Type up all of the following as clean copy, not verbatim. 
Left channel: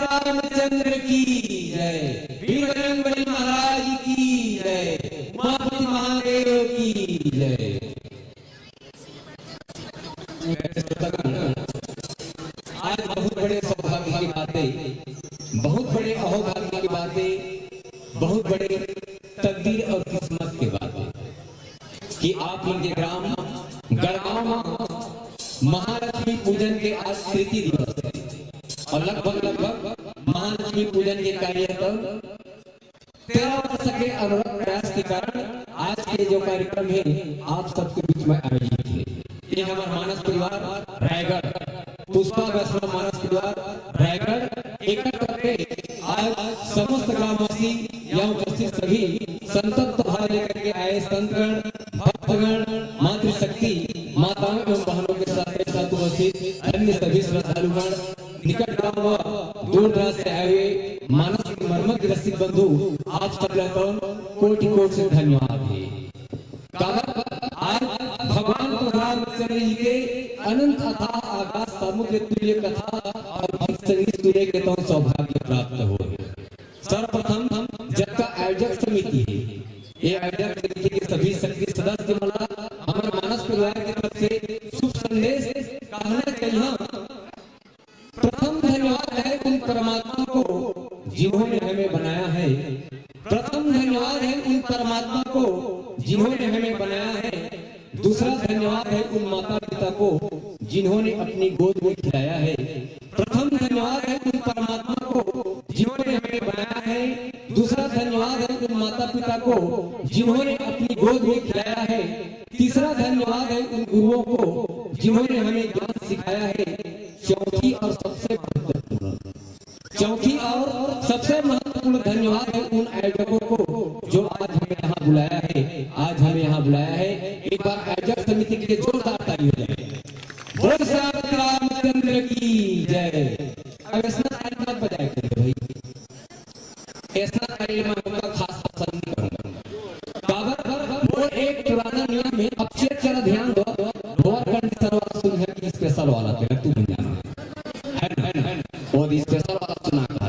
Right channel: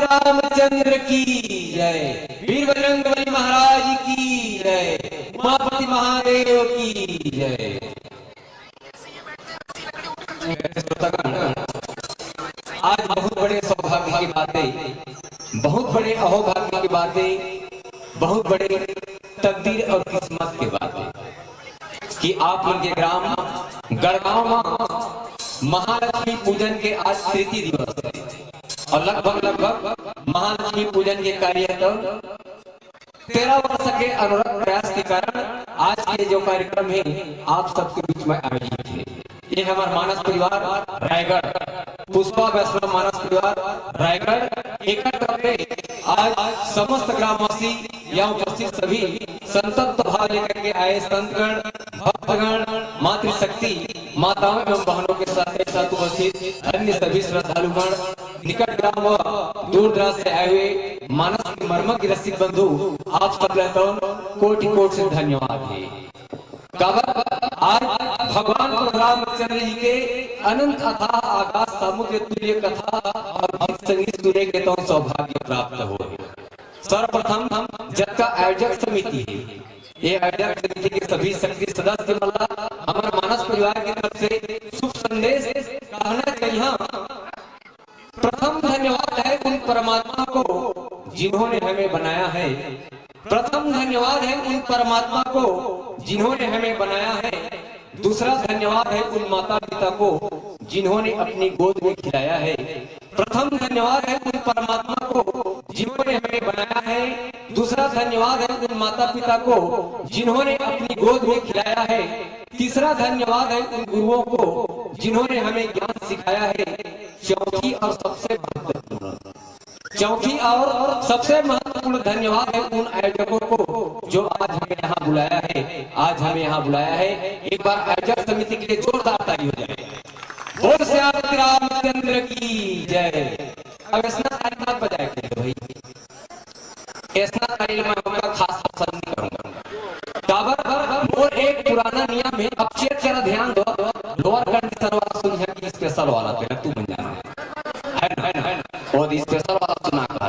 रामचंद्र की जय, वीर बजरंगबली महाराज की जय, उमापति महादेव की जय। आज बहुत बड़े सौभाग्य की बातें, बहुत बड़े अहोभाग्य की बातें, बहुत बड़े तकदीर और किस्मत की बातें कि आप मन के ग्राम गढ़गांव महालक्ष्मी पूजन के आज तृतीय दिवस है और लगभग महालक्ष्मी पूजन के कार्य 13 वर्ष के अनवरत प्रयास के कारण आज के जो कार्यक्रम है आप सबके बीच में आयोजित है। ये हमारा मानस परिवार रायगढ़, पुष्पा वैष्णव मानस परिवार रायगढ़ एकत्र करके आज समस्त ग्रामवासी यहाँ उपस्थित सभी संतप्त भाव लेकर के आए संतगण, भक्तगण, मातृशक्ति माताओं एवं बहनों के साथ उपस्थित अन्य सभी श्रद्धालुगण, निकट ग्राम व दूर दराज से आए हुए मानस मर्मज्ञ रसिक बंधु, आप सबको कोटि कोटि से धन्यवाद है। आज भगवान रामचंद्र जी के अनंत अथाह आकाश समुद्र तुल्य कथा और गीत संगीत सुनने के तो सौभाग्य प्राप्त हो। सर्वप्रथम जब का आयोजक समिति है, ये आयोजक समिति के सभी सक्रिय सदस्य वाला हमारे मानस परिवार की तरफ से शुभ संदेश कहना चाहिए। प्रथम धन्यवाद है उन परमात्मा को जिन्होंने हमें बनाया है। प्रथम धन्यवाद है उन परमात्मा को जिन्होंने हमें बनाया है। दूसरा धन्यवाद है उन माता पिता को जिन्होंने अपनी गोद में खिलाया है। प्रथम धन्यवाद है उन परमात्मा को जिन्होंने हमें बनाया है। दूसरा धन्यवाद है उन माता पिता को जिन्होंने अपनी गोद में खिलाया है। तीसरा धन्यवाद है उन गुरुओं को जिन्होंने हमें ज्ञान सिखाया है। चौथी और सबसे महत्वपूर्ण धन्यवाद है उन आयोजकों को जो आज हमें यहाँ बुलाया है। एक बार आयोजक समिति के लिए जोरदार ताली हो जाए। बोल श्री रामचंद्र की जय। अब ऐसा ताली मत बजाए भाई, ऐसा ताली मैं खास पसंद नहीं करूंगा। वो एक पुराना नियम है, अब से जरा ध्यान दो। लोअर कंडीशन वाला सुन है कि स्पेशल वाला पे तू बन जाना है और स्पेशल वाला सुना कहा।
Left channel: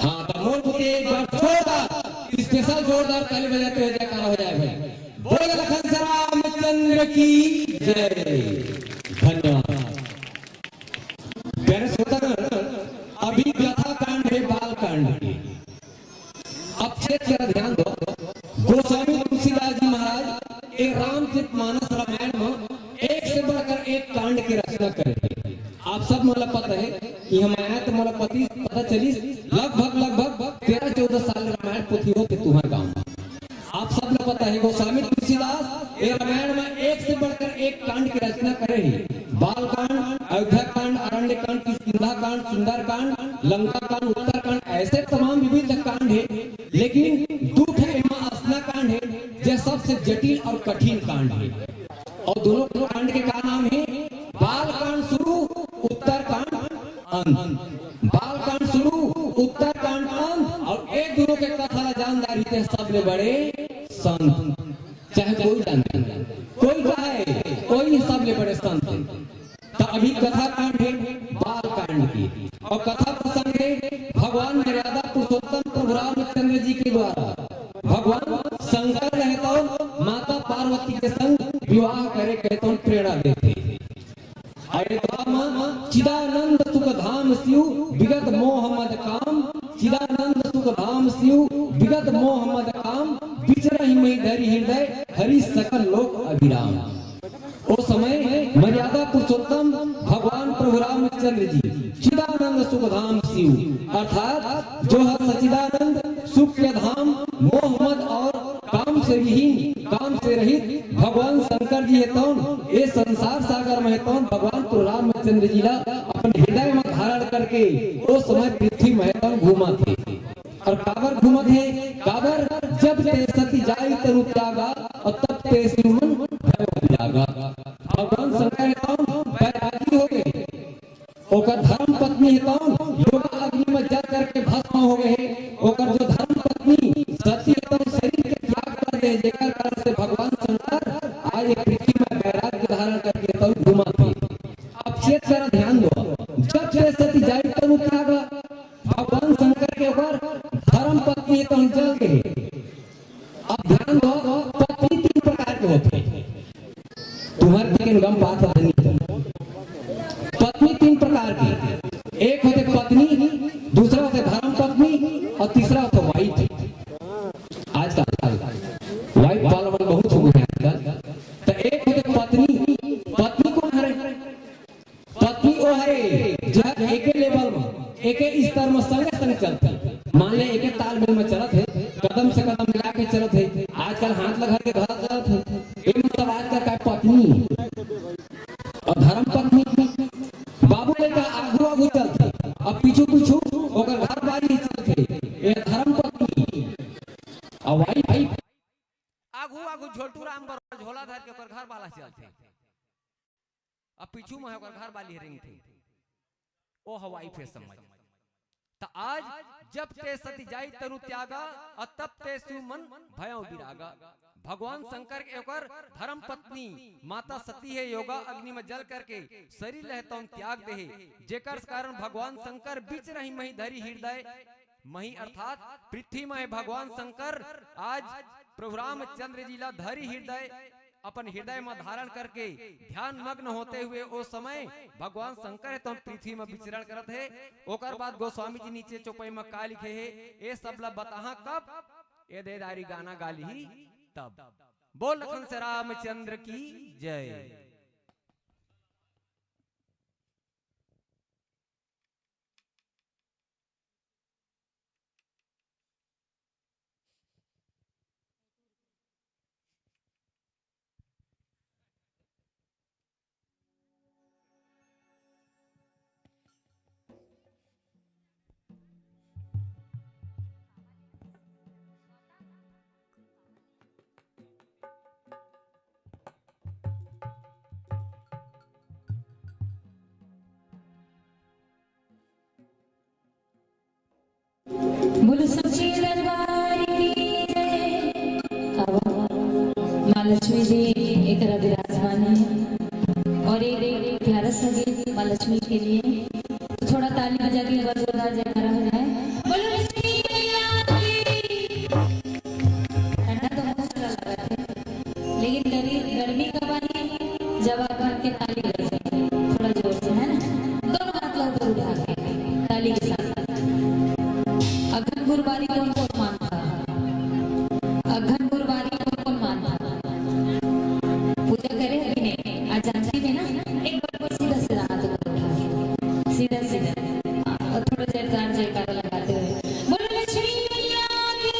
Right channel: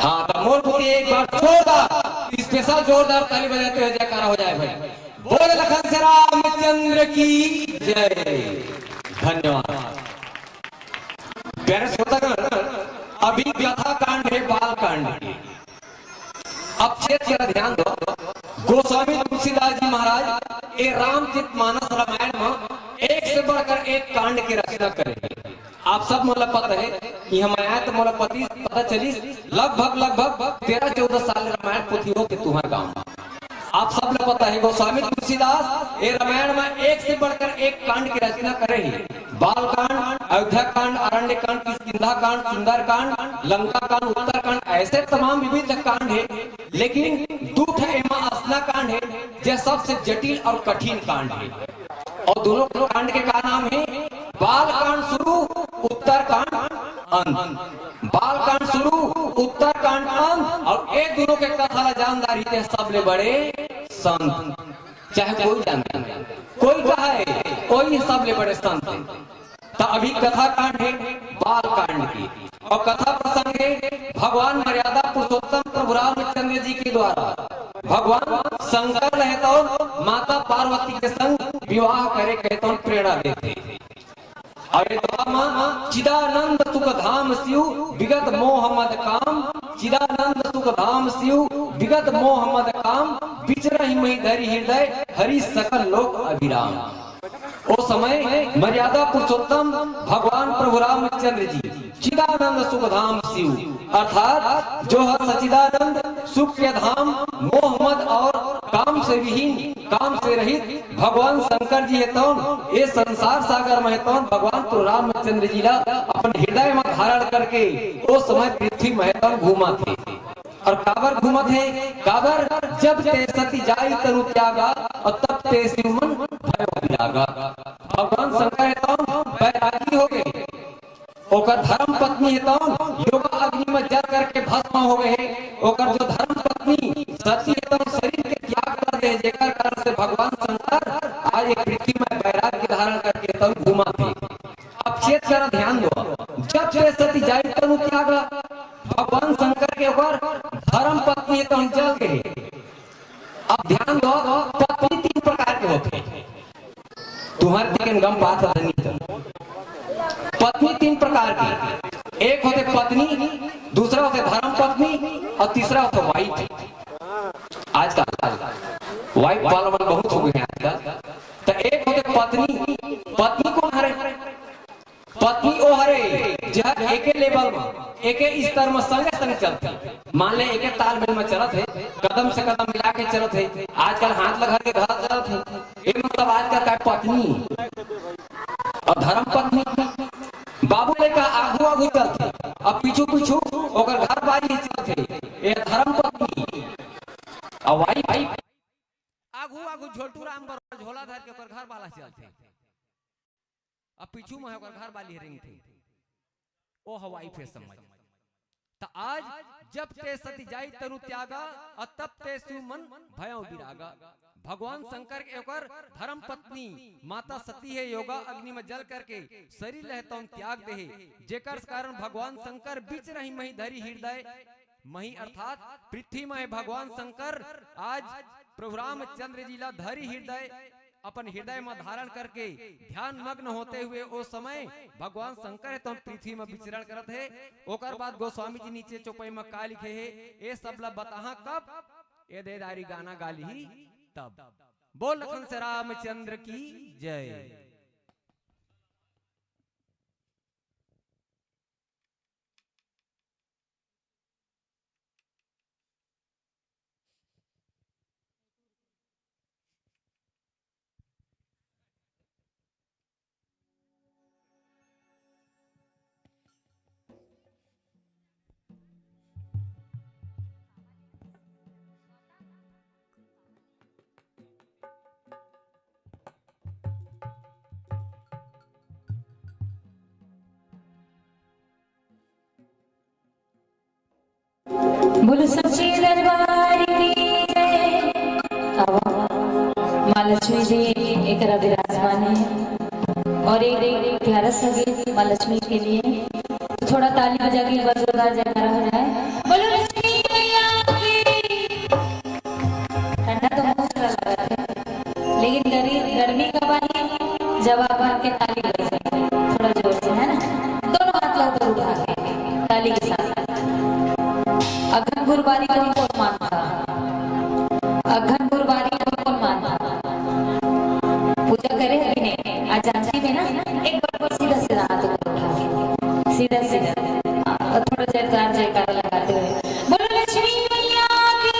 हाँ तो मोर पुरी एक बार जोरदार स्पेशल जोरदार ताली बजाते हुए जयकारा हो जाए भाई। बोल लखन श्री रामचंद्र की जय। धन्यवाद। प्यारे श्रोतागण, अभी व्यथा कांड है बाल कांड की। अब जरा ध्यान दो। गोस्वामी तुलसीदास जी महाराज ये रामचरितमानस रामायण में एक से बढ़कर एक कांड की रचना करेंगे। आप सब मोला पता है कि हमारे तो मोला पता चली लगभग 13-14 साल रामायण पोथी होते तुम्हारे गांव में। आप सब ने पता है गोस्वामी तुलसीदास ये रामायण में एक से बढ़कर एक कांड की रचना करे ही। बाल कांड, अयोध्या कांड, अरण्य कांड, किष्किंधा कांड, सुंदर कांड, लंका कांड, उत्तर कांड, ऐसे तमाम विविध कांड है। लेकिन दुख एवं असना कांड है जो सबसे जटिल और कठिन कांड है। और दोनों कांड के का नाम है बाल कांड शुरू, उत्तर कांड अंत। बाल कांड शुरू, उत्तर कांड अंत। और एक दोनों के कथा जानदारी थे सबले बड़े संत, चाहे कोई जानता कोई कहे कोई सबले बड़े संत। तो अभी कथा कांड है बाल कांड की, और कथा प्रसंग है भगवान मर्यादा पुरुषोत्तम प्रभु रामचंद्र जी के द्वारा भगवान शंकर रहता माता पार्वती के संग विवाह करे कहते प्रेरणा देते। अरे चिदानंद सुख धाम शिव विगत मोहम्मद काम, चिदानंद सुख धाम शिव विगत मोहम्मद काम, बिचरहि में धरि हृदय हरि सकल लोक अभिराम। ओ समय मर्यादा पुरुषोत्तम भगवान प्रभु रामचंद्र जी चिदानंद सुख धाम शिव अर्थात जो है सचिदानंद सुख के धाम मोहम्मद और काम से विहीन काम से रहित भगवान शंकर जी है तो ये संसार सागर में तो भगवान प्रभु रामचंद्र जी अपन हृदय में धारण करके उस समय पृथ्वी में तो घूमा थे। और काबर घूमा थे, काबर जब ते सती जाई तनु त्यागा और तब ते शिव मन भय विरागा। भगवान शंकर है तो बैरागी हो गए, ओकर धर्म पत्नी है तो योगा अग्नि में जल करके भस्म हो गए। ओकर जो धर्म पत्नी सती है तो शरीर के त्याग कर दे, जेकर कारण से भगवान शंकर आज एक पृथ्वी में बैराग्य धारण करके तब घूमा थे। अब चेत कर ध्यान दो, जब ते सती जाई तनु त्यागा भगवान शंकर के ऊपर धर्म पत्नी है तो जल गए। अब ध्यान दो, पत्नी तीन प्रकार के होते हैं, तुम्हारे लेकिन गम बात नहीं। पत्नी तीन प्रकार की, एक होते पत्नी, दूसरा होते धर्म पत्नी और तीसरा होते वाइफ। आजकल वाइफ वाला बहुत हो गए हैं। तो एक होते पत्नी, पत्नी कौन है? पत्नी वो है जो एक लेवल में एक स्तर में संगे संग चलती। मान ले एक तालमेल में चलत है, कदम से कदम मिला के चलत है। आजकल हाथ लगा के घर चलत है, एक मतलब आजकल का पत्नी और धर्म पत्नी। बाबू ने कहा आगू आगू चलते अब पीछू पीछू ओकर घर बारी चलते, ये धर्म पत्नी। और वाइफ आगू आगू झोटू राम बर झोला धर के ओकर घर वाला चलते, अब पीछू में ओकर घर वाली रिंग थे, ओ हवाई फे समझ। तो आज जब ते सती जाई तनु त्यागा और तब ते शिव मन भयौ विरागा। भगवान शंकर के ओकर धर्म पत्नी माता सती है योगा अग्नि में जल करके शरीर रहता त्याग दे, जेकर कारण भगवान शंकर बीच रही मही धरी हृदय मही अर्थात पृथ्वी में भगवान शंकर आज प्रभु रामचंद्र जी ला धरी हृदय अपन हृदय में धारण करके ध्यान मग्न होते हुए उस समय भगवान शंकर है तो पृथ्वी में विचरण करत है। ओकर बाद गोस्वामी जी नीचे चौपाई में का लिखे है, ये सब ला बताहा कब ये देदारी गाना गाली ही तब। बोल लखन से रामचंद्र की जय। बोलो सच्ची दरबार की जय। माँ लक्ष्मी जी एक विराजमान है और एक प्यारा सा गीत माँ लक्ष्मी के लिए, थोड़ा ताली बजा के जोरदार जयकारा हो जाए। बोलो लक्ष्मी मैया की। ठंडा तो बहुत सारा लगा है, लेकिन गर्मी का पानी जवाब के ताली बजाए थोड़ा जोर से, है ना? दोनों हाथ ला ऊपर उठा के ताली के साथ। अघन गुरुवारी को कौन मानता? अघन गुरुवारी को कौन मानता? पूजा करे अभी नहीं, आज जानसी में ना एक बार सीधा सीधा हाथ ऊपर उठा के सीधा सीधा और थोड़ा जयकारा लगाते हुए बोलो लक्ष्मी मैया की।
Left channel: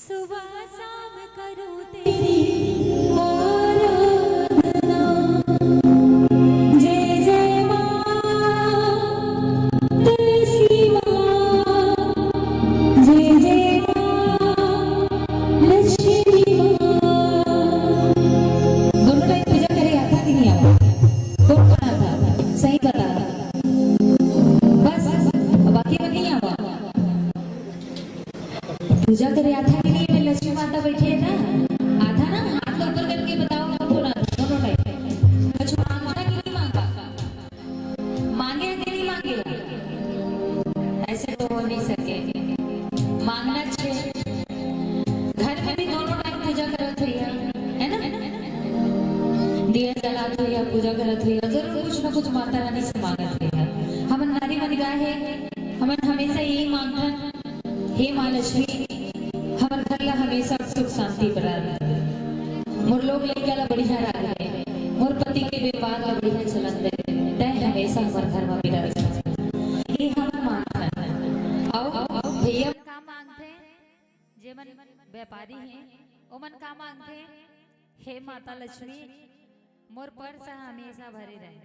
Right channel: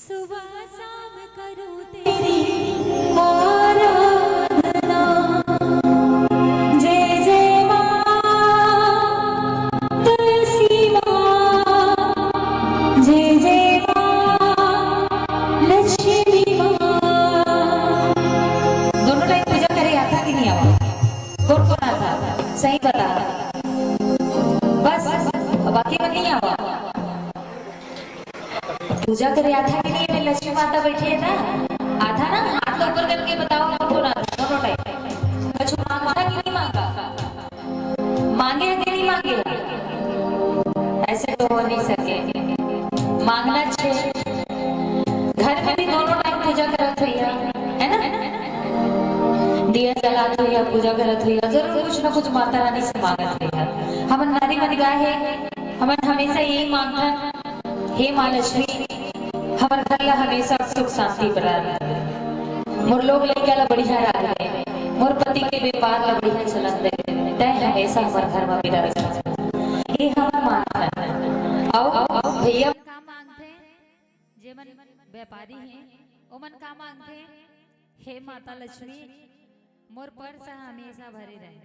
सुबह शाम करूं तेरी आराधना। जय जय मां तुलसी मां, जय जय मां लक्ष्मी मां। दोनों टाइम पूजा करे आता कि नहीं आवा? कौन कौन आता? सही बता, बस बाकी में नहीं आवा। पूजा करे आता कि नहीं? में लक्ष्मी माता बैठी है ना, आता ना? हाथ ऊपर करके बताओ कौन आता? दोनों टाइम कुछ मांगा कि नहीं मांगा? मांगे कि नहीं मांगे? ऐसे तो हो नहीं सके, मांगना चाहिए। घर में भी दोनों टाइम पूजा करत हुई है ना, दिया जलात हुई, पूजा करत हुई, जरूर कुछ ना कुछ माता रानी से मांगत हुई। हमन नारी मन गाहे, हमन हमेशा यही मांगता, हे माँ लक्ष्मी हमर घर ला हमेशा सुख शांति बरकरार। मोर लोग लइका ला बढ़िया राखे, मोर पति के व्यापार ला बढ़िया चलन दे, तय हमेशा हमर घर में बिरा रखना। ये हम मांगता है। आओ भैया का मांगते हैं, जे मन व्यापारी हैं ओ मन का मांगते हैं, हे माता लक्ष्मी मोर पर्स हमेशा भरे रहे,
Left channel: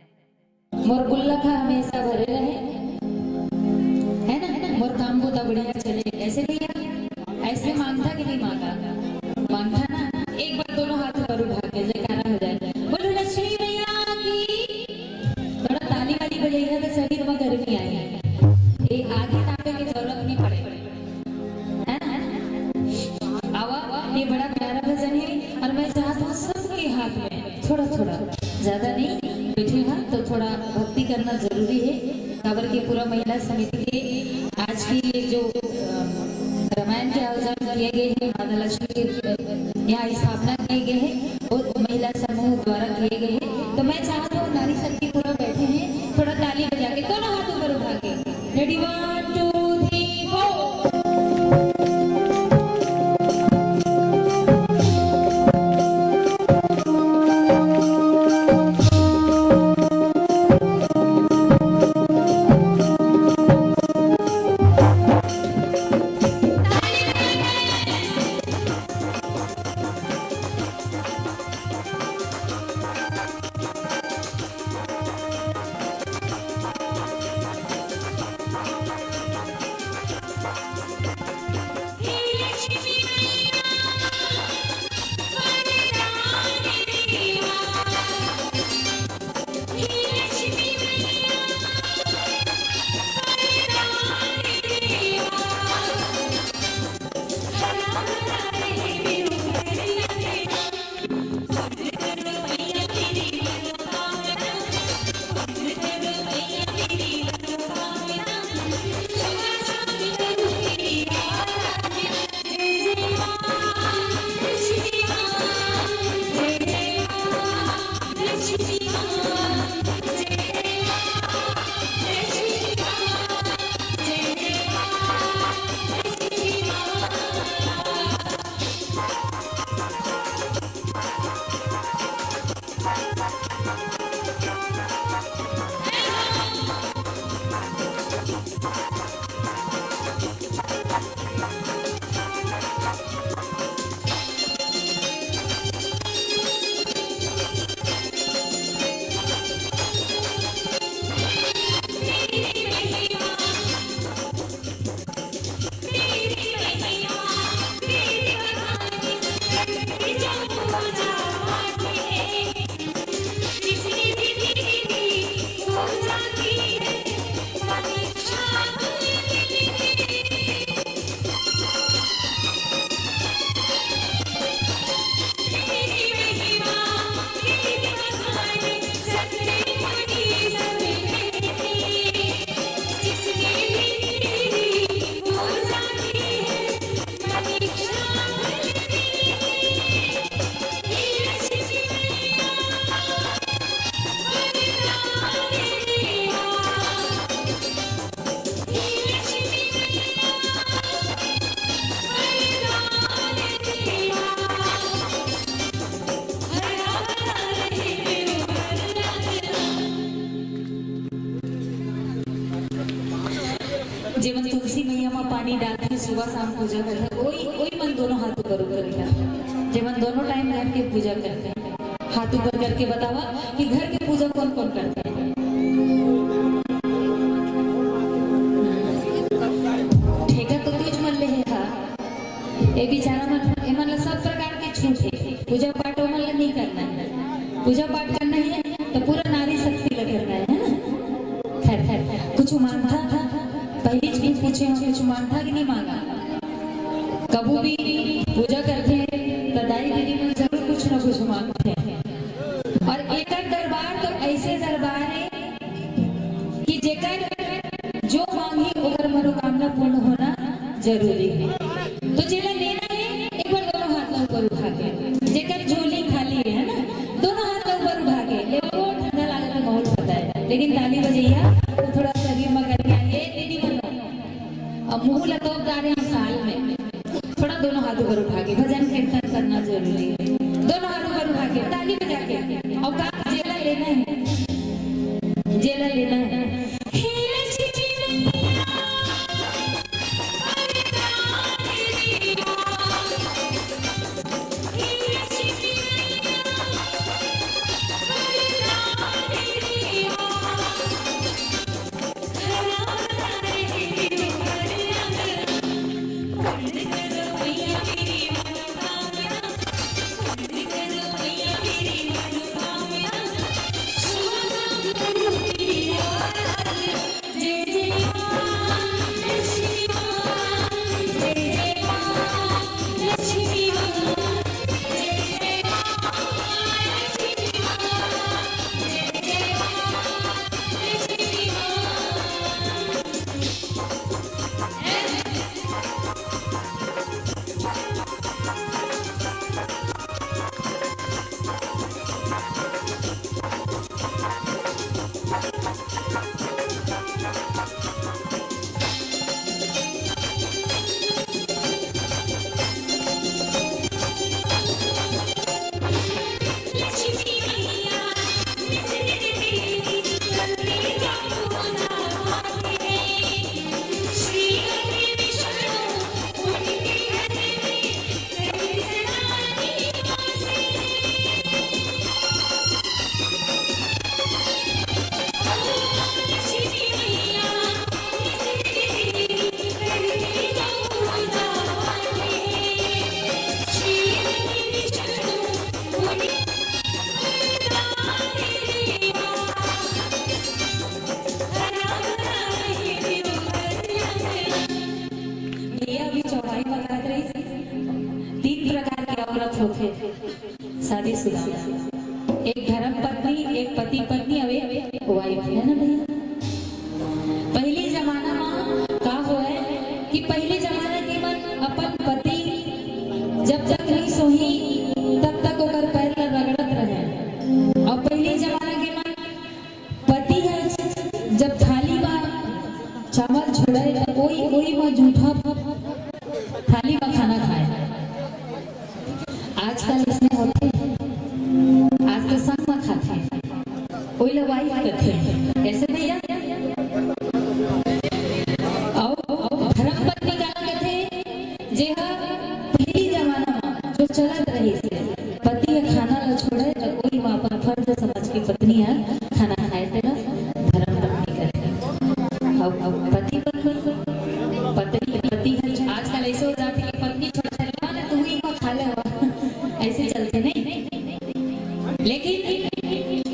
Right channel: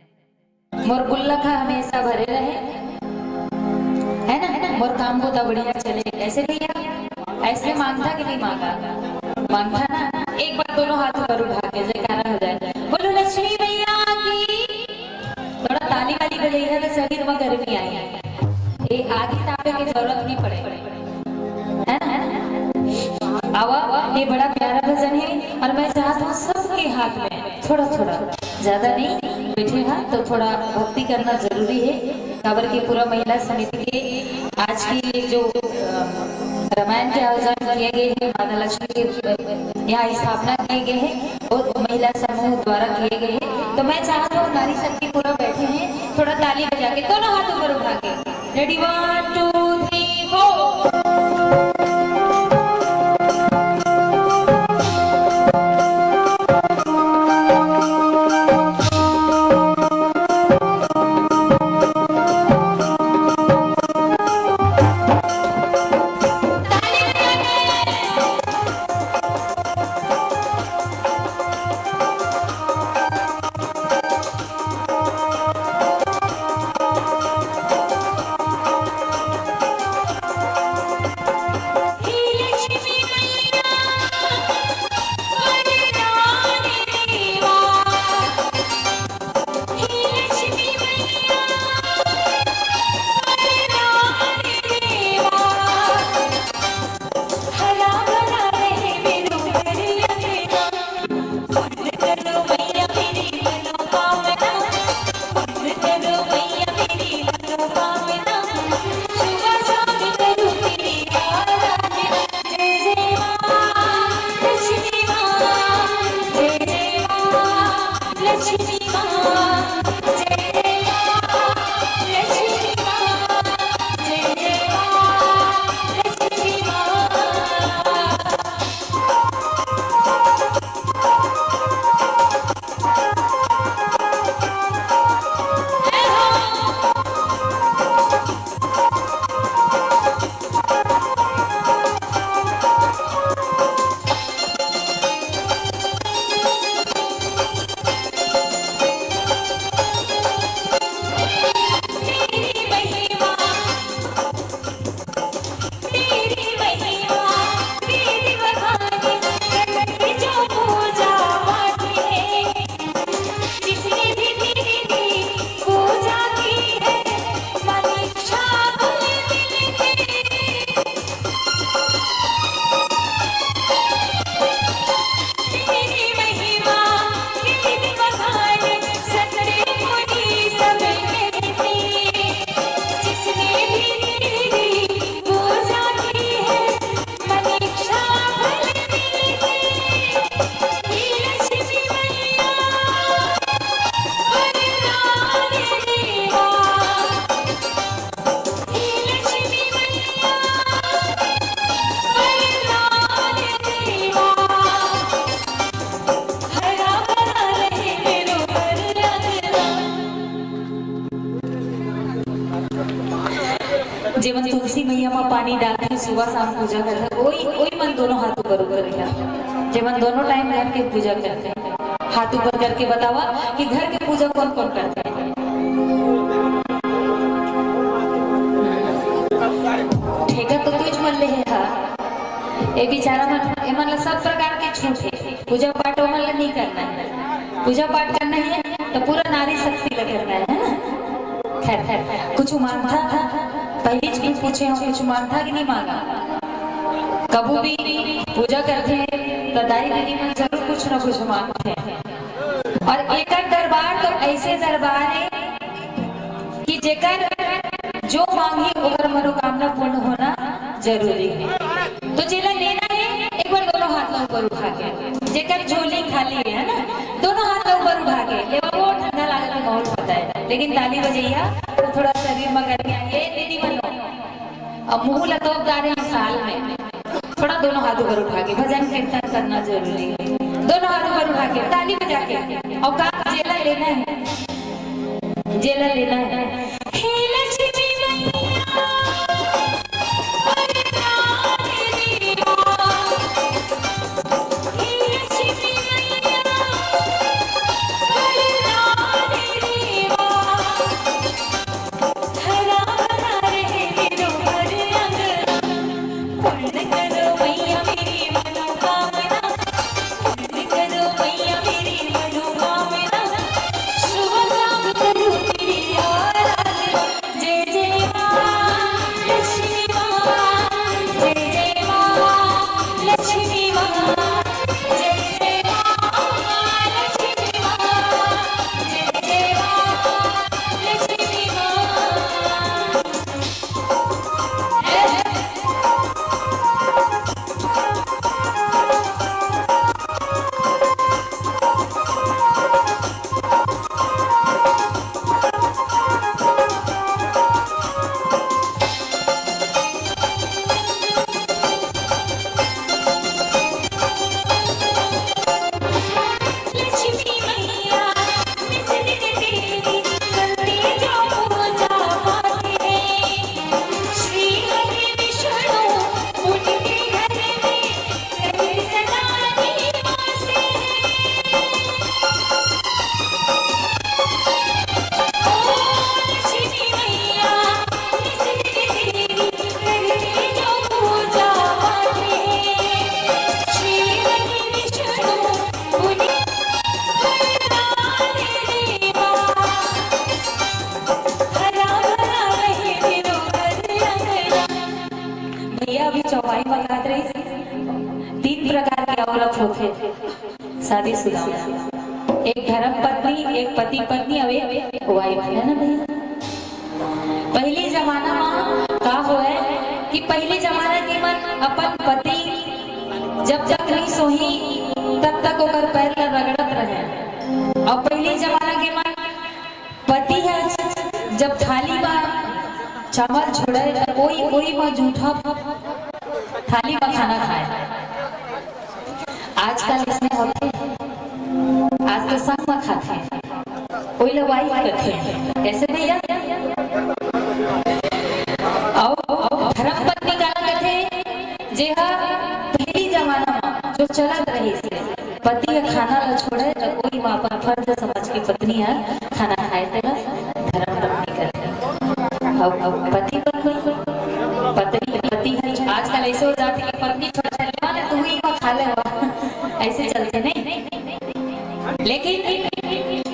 मोर गुल्लक हमेशा भरे रहे, है ना, मोर काम को तो बढ़िया चले। ऐसे भैया ऐसे मांगता कि नहीं मांगा? मांगता ना? एक बार दोनों हाथ ऊपर उठा के जयकारा हो जाए, बोलो लक्ष्मी मैया की। थोड़ा ताली वाली बजाइए तो शरीर में गर्मी आई, ये आगे तापे की जरूरत नहीं पड़े, है ना? आवा, ये बड़ा प्यारा भजन है और मैं चाहता हूँ सबके हाथ में थोड़ा थोड़ा, ज्यादा नहीं, बैठे हाथ तो थोड़ा भक्ति करना जरूरी है। काबर की पूरा महिला समिति के आज की ये जो रामायण के आयोजन किए गए हैं, माता लक्ष्मी के यहाँ स्थापना किए गए हैं और महिला समूह द्वारा किए गए हैं, तो मैं चाहता हूँ नारी शक्ति पूरा बैठे हैं, थोड़ा ताली बजा के दोनों हाथ ऊपर उठा के, रेडी 1 2 3 4। जेमन तुलसी मैया में पानी डाल के सुबह शाम पूजा करता, वही मन दोनों हाथ ऊपर करेगा। जब हम दोनों टाइम घर के पूजा करते हैं, हाथ ऊपर करके बतावा कि घर की पूजा कौन कौन करते हैं। ठेका तो तुझ मन ले है, ये बेचारा मतलब सब प्रकार के छूट है। पूजा पाठ वो मतलब नहीं करना है, पूजा पाठ करना है तो पूरा नारी शक्ति लग करना है ना। खैर खैर कुछ मांगता था, पहली चीज पूछे हम, कुछ मांगता कि नहीं मांगा। कबू भी पूजा करते हैं तो दाई दीदी में जरूर कुछ ना कुछ मांगते हैं। और एक दरबार तो ऐसे दरबार है कि जेकर जो मांगी ओकर मनोकामना पूर्ण होना जरूरी है। तो जेला लेना है एक बार दोनों हाथ ऊपर उठा के, जेकर झोली खाली है ना दोनों हाथ ऊपर उठा के ले, वो ठंडा लागत है माहौल पता है, लेकिन ताली बजैया तो थोड़ा शरीर में गर्मी आई है दीदी बनो। अब मुंह लतोपदार है साल में, थोड़ा दोनों हाथ ऊपर उठा के भजन कीर्तन करना जरूरी है। दोनों हाथ ऊपर उठा के ताली बजा के और का जेला लेना है, जेला लेना है। शादीशुदा, एक धर्म पत्नी, एक पति पत्नी और एक वाइफ है ना भैया। पहले जमाना में का हो है कि पहले जमाना के मन अपन पति जब तक नहीं सोही तब तक ओकर पैर ला रगड़त रहे। और पहले जमाना के मन पति है जब थाली में चावल छोड़े तो वही में जूठा थाली में खाना खाए। आजकल इसमें होते आज तो सब में खाते हैं, कोई लोग वाइफ करते हैं कैसे भैया। और धर्म पत्नी का कहते जे पहली जमाना में जो चलत रही से पति का खाना न छोड़े तो कोई माँ पर फर्ज समझ के पत्नी है खाना खाए थे धर्म पत्नी करते। अब पति पति है आजकल ऐसे हो जाते कि पत्नी छोड़ तू ही खा ले ऐसे चलते नहीं। लेकिन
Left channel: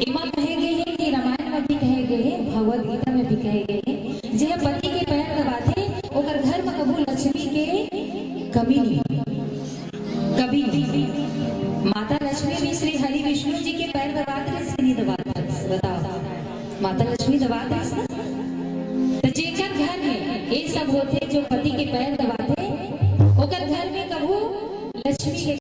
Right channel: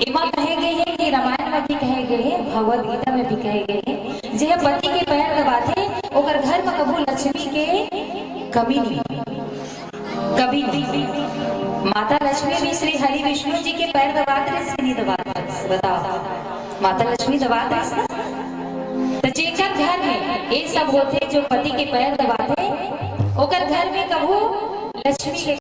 इमा कहे गए हैं कि रामायण में भी कहे गए हैं, भगवद गीता में भी कहे गए हैं जे पति के पैर दबाते ओकर घर में कबू लक्ष्मी के कमी नहीं, कभी नहीं। माता लक्ष्मी भी श्री हरि विष्णु जी के पैर दबाते नहीं दबाते, बताओ माता लक्ष्मी दबाते ना। तो जेकर घर में ये सब होते जो पति के पैर दबाते ओकर घर में कबू लक्ष्मी के